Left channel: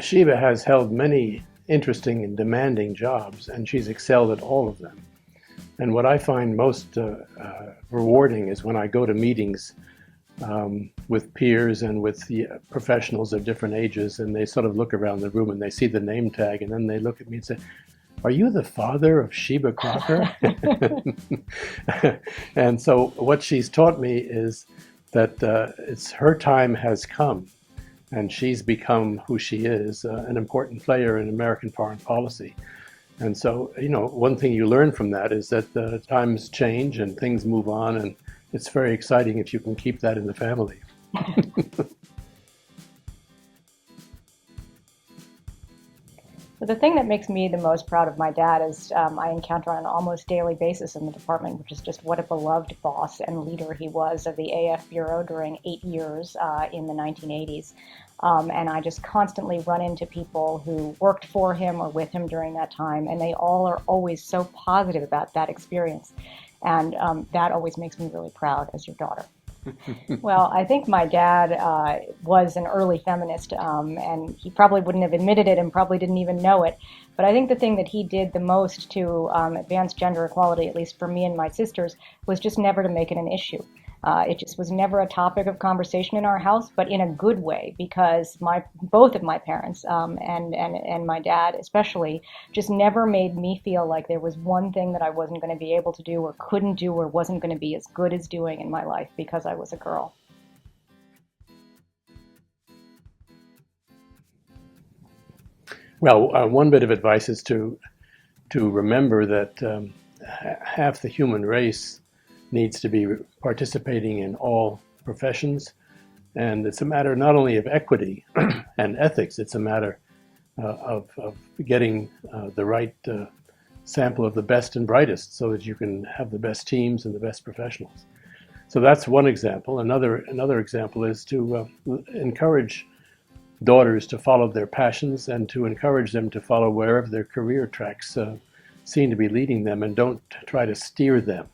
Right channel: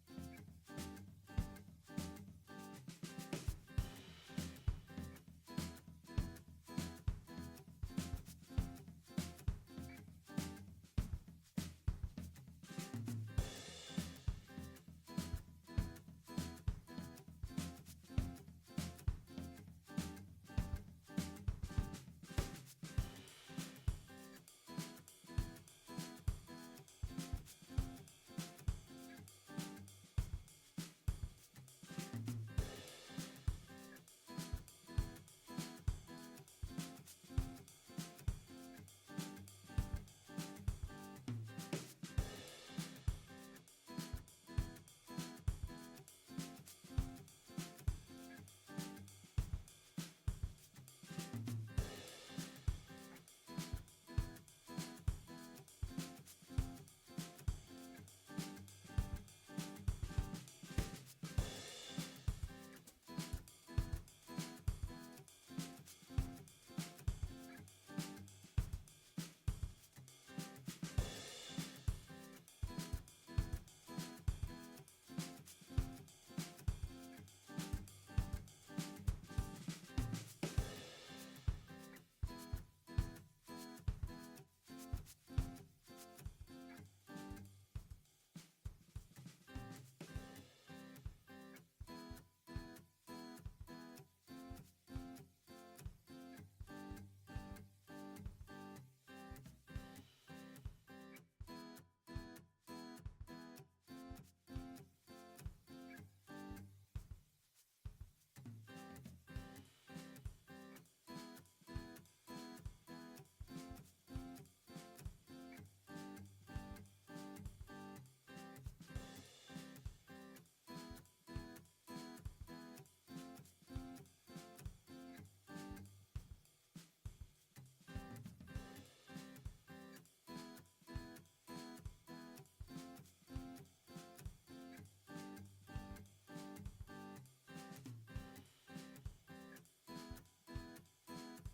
Sheba has held many interesting and demanding jobs, and she's excelled at all of them. And what I find most rewarding is when I go to meetings with peers and with the professionals of different ages, and they sort of look around the room and they see the name tag, and then they look at me and say, "Are you the father of Sheba Crocker?" And so what she's taught me is that it's her time has come, and she's become who she is, an important player in American foreign policy. And so, one thing you learn from that is that times change and things move on, and it's very exciting if you can keep that in the family. So the thing that makes me the most proud of my dad is I encounter on an almost daily basis in the department, which is just what a beloved boss and leader he was of the AF Bureau during 8 years in the 1980s. And I just constantly run into people who worked for him or with him during that time, and they all are always so positive about that experience. And that always makes me really proud as your daughter. Well, I think my dad was an early feminist, and he probably wouldn't have admitted it and probably didn't even know it. But I think the thing that he did the most to advance gender equality, at least for me and my sisters, was just never to make it an issue. It just was never a topic of conversation in our house, but in a good way, because both of my parents and my dad especially just never made me feel like there was one thing that I wasn't going to be able to do or couldn't do or wasn't going to be as good as doing in my life because I was a girl. Well, one bit of advice is to remember that half the human race needs to be participating in all professions, and it's a matter not only of equity and ethics, it's a matter of getting the right sample of the best and brightest so that you can have the best teams and the best professionals. So that's one example. Another example is to encourage daughters to follow their passions and to encourage them to follow wherever their career tracks seem to be leading them, and don't try to steer them.